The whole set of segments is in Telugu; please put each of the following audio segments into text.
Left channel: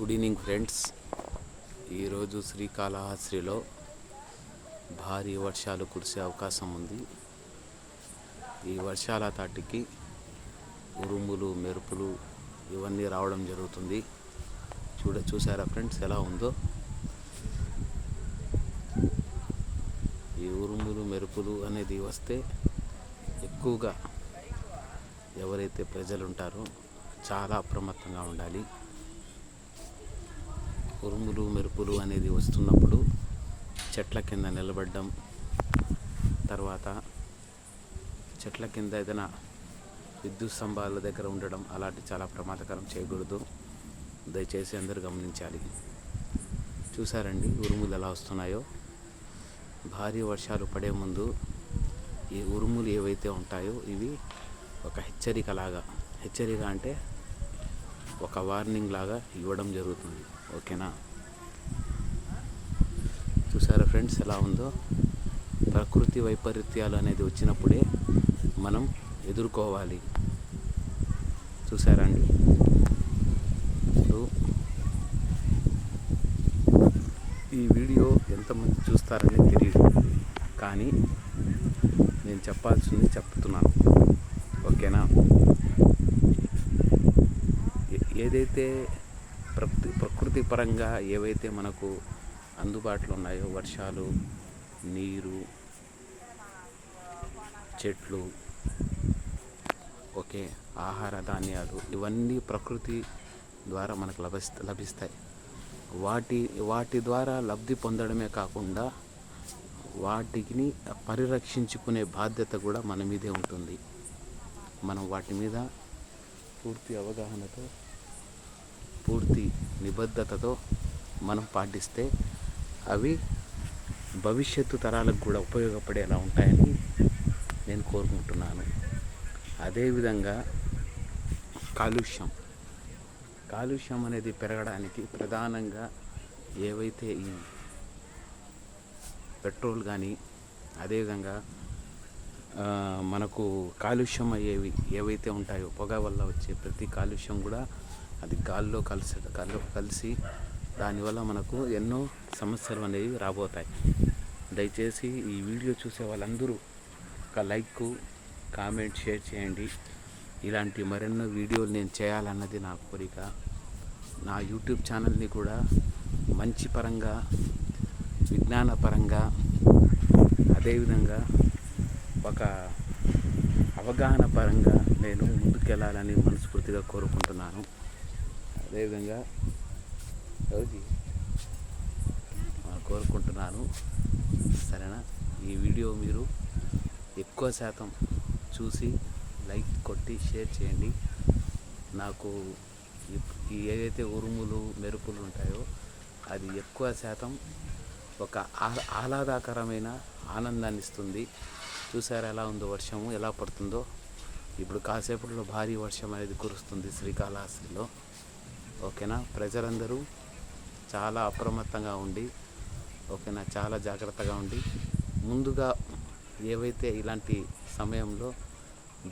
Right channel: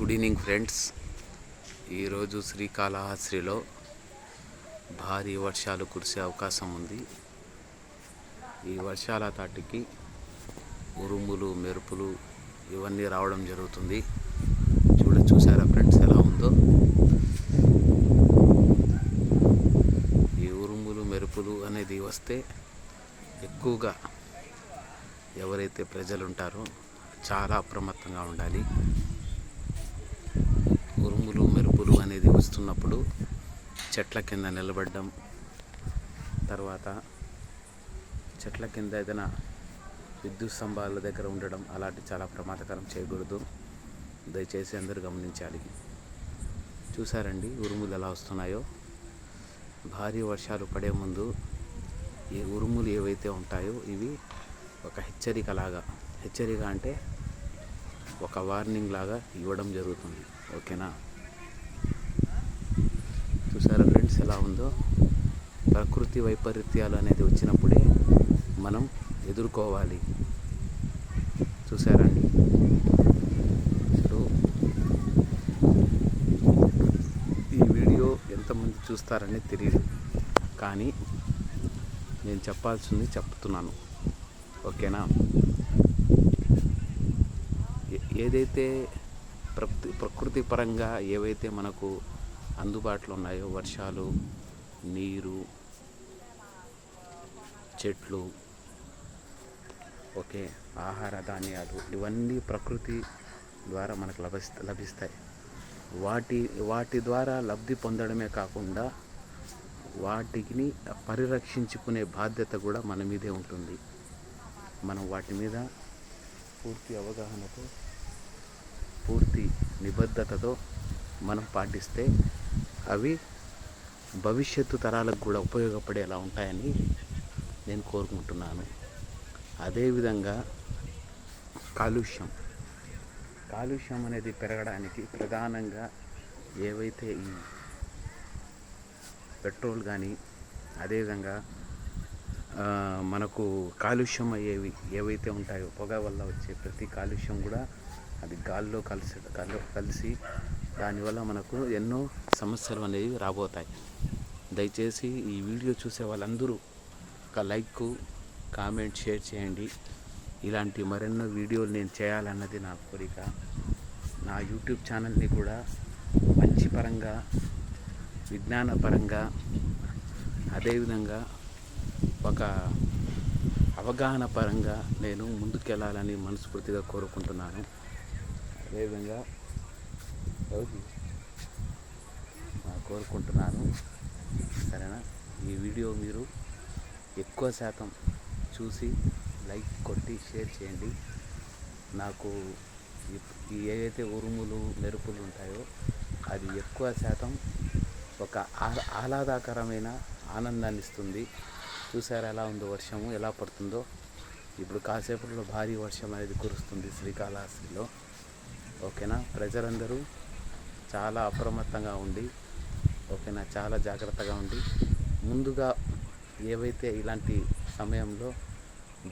Good evening friends. ఈరోజు శ్రీకాళహస్తిలో భారీ వర్షాలు కురిసే అవకాశం ఉంది. ఈ వర్షాల తాటికి ఉరుములు, మెరుపులు ఇవన్నీ రావడం జరుగుతుంది. చూసారా ఫ్రెండ్స్ ఎలా ఉందో. ఈ ఉరుములు, మెరుపులు అనేది వస్తే ఎక్కువగా ఎవరైతే ప్రజలు ఉంటారో చాలా అప్రమత్తంగా ఉండాలి. ఉరుములు, మెరుపులు అనేది వస్తున్నప్పుడు చెట్ల కింద నిలబడడం, తర్వాత చెట్ల కింద ఏదైనా విద్యుత్ స్తంభాల దగ్గర ఉండడం అలాంటి చాలా ప్రమాదకరం చేయకూడదు. దయచేసి అందరూ గమనించాలి. చూసారండి ఉరుములు ఎలా వస్తున్నాయో. భారీ వర్షాలు పడే ముందు ఈ ఉరుములు ఏవైతే ఉంటాయో ఇవి ఒక హెచ్చరిక అంటే ఒక వార్నింగ్ లాగా ఇవ్వడం జరుగుతుంది. ఓకేనా? చూసారా ఫ్రెండ్స్ ఎలా ఉందో. ప్రకృతి వైపరీత్యాలు అనేది వచ్చినప్పుడే మనం ఎదుర్కోవాలి. చూసారండి. ఇప్పుడు ఈ వీడియో ఎంతమంది చూస్తారని తెలియదు, కానీ నేను చెప్పాల్సింది చెప్తున్నాను. ఓకేనా? ఏదైతే ప్రకృతి పరంగా ఏవైతే మనకు అందుబాటులో ఉన్నాయో వర్షాలు, నీరు, చెట్లు, ఓకే, ఆహార ధాన్యాలు ఇవన్నీ ప్రకృతి ద్వారా మనకు లభిస్తాయి. వాటి ద్వారా లబ్ధి పొందడమే కాకుండా వాటిని పరిరక్షించుకునే బాధ్యత కూడా మన మీదే ఉంటుంది. మనం వాటి మీద పూర్తి అవగాహనతో, పూర్తి నిబద్ధతతో మనం పాటిస్తే అవి భవిష్యత్తు తరాలకు కూడా ఉపయోగపడేలా ఉంటాయని నేను కోరుకుంటున్నాను. అదేవిధంగా కాలుష్యం అనేది పెరగడానికి ప్రధానంగా ఏవైతే ఈ పెట్రోల్ కానీ, అదేవిధంగా మనకు కాలుష్యం అయ్యేవి ఏవైతే ఉంటాయో పొగ వల్ల వచ్చే ప్రతి కాలుష్యం కూడా అది గాల్లో కలిసి దానివల్ల మనకు ఎన్నో సమస్యలు అనేవి రాబోతాయి. దయచేసి ఈ వీడియో చూసే వాళ్ళందరూ ఒక లైక్, కామెంట్, షేర్ చేయండి. ఇలాంటి మరెన్నో వీడియోలు నేను చేయాలన్నది నా కోరిక. నా యూట్యూబ్ ఛానల్ని కూడా మంచి పరంగా, విజ్ఞానపరంగా, అదేవిధంగా ఒక అవగాహన పరంగా నేను ముందుకెళ్ళాలని మనస్ఫూర్తిగా కోరుకుంటున్నాను. అదేవిధంగా కోరుకుంటున్నాను. సరేనా? ఈ వీడియో మీరు ఎక్కువ శాతం చూసి లైక్ కొట్టి షేర్ చేయండి. నాకు ఏవైతే ఉరుములు, మెరుపులు ఉంటాయో అది ఎక్కువ శాతం ఒక ఆహ్లాదకరమైన ఆనందాన్ని ఇస్తుంది. చూసారా ఎలా ఉందో, వర్షము ఎలా పడుతుందో. ఇప్పుడు కాసేపట్లో భారీ వర్షం అనేది కురుస్తుంది శ్రీకాళహస్తిలో. ఓకేనా? ప్రజలందరూ చాలా అప్రమత్తంగా ఉండి, ఓకేనా, చాలా జాగ్రత్తగా ఉండి, ముందుగా ఏవైతే ఇలాంటి సమయంలో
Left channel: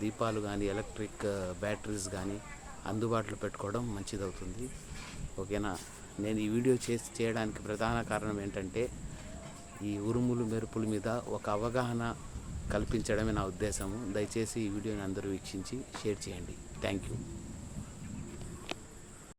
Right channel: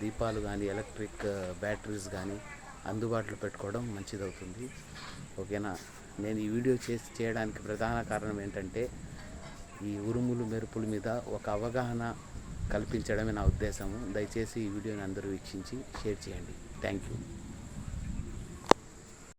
దీపాలు కానీ, ఎలక్ట్రిక్ బ్యాటరీస్ కానీ అందుబాటులో పెట్టుకోవడం మంచిదవుతుంది. ఓకేనా? నేను ఈ వీడియో చేయడానికి ప్రధాన కారణం ఏంటంటే ఈ ఉరుములు, మెరుపుల మీద ఒక అవగాహన కల్పించడమే నా ఉద్దేశము. దయచేసి ఈ వీడియోని అందరూ వీక్షించి షేర్ చేయండి. Thank you.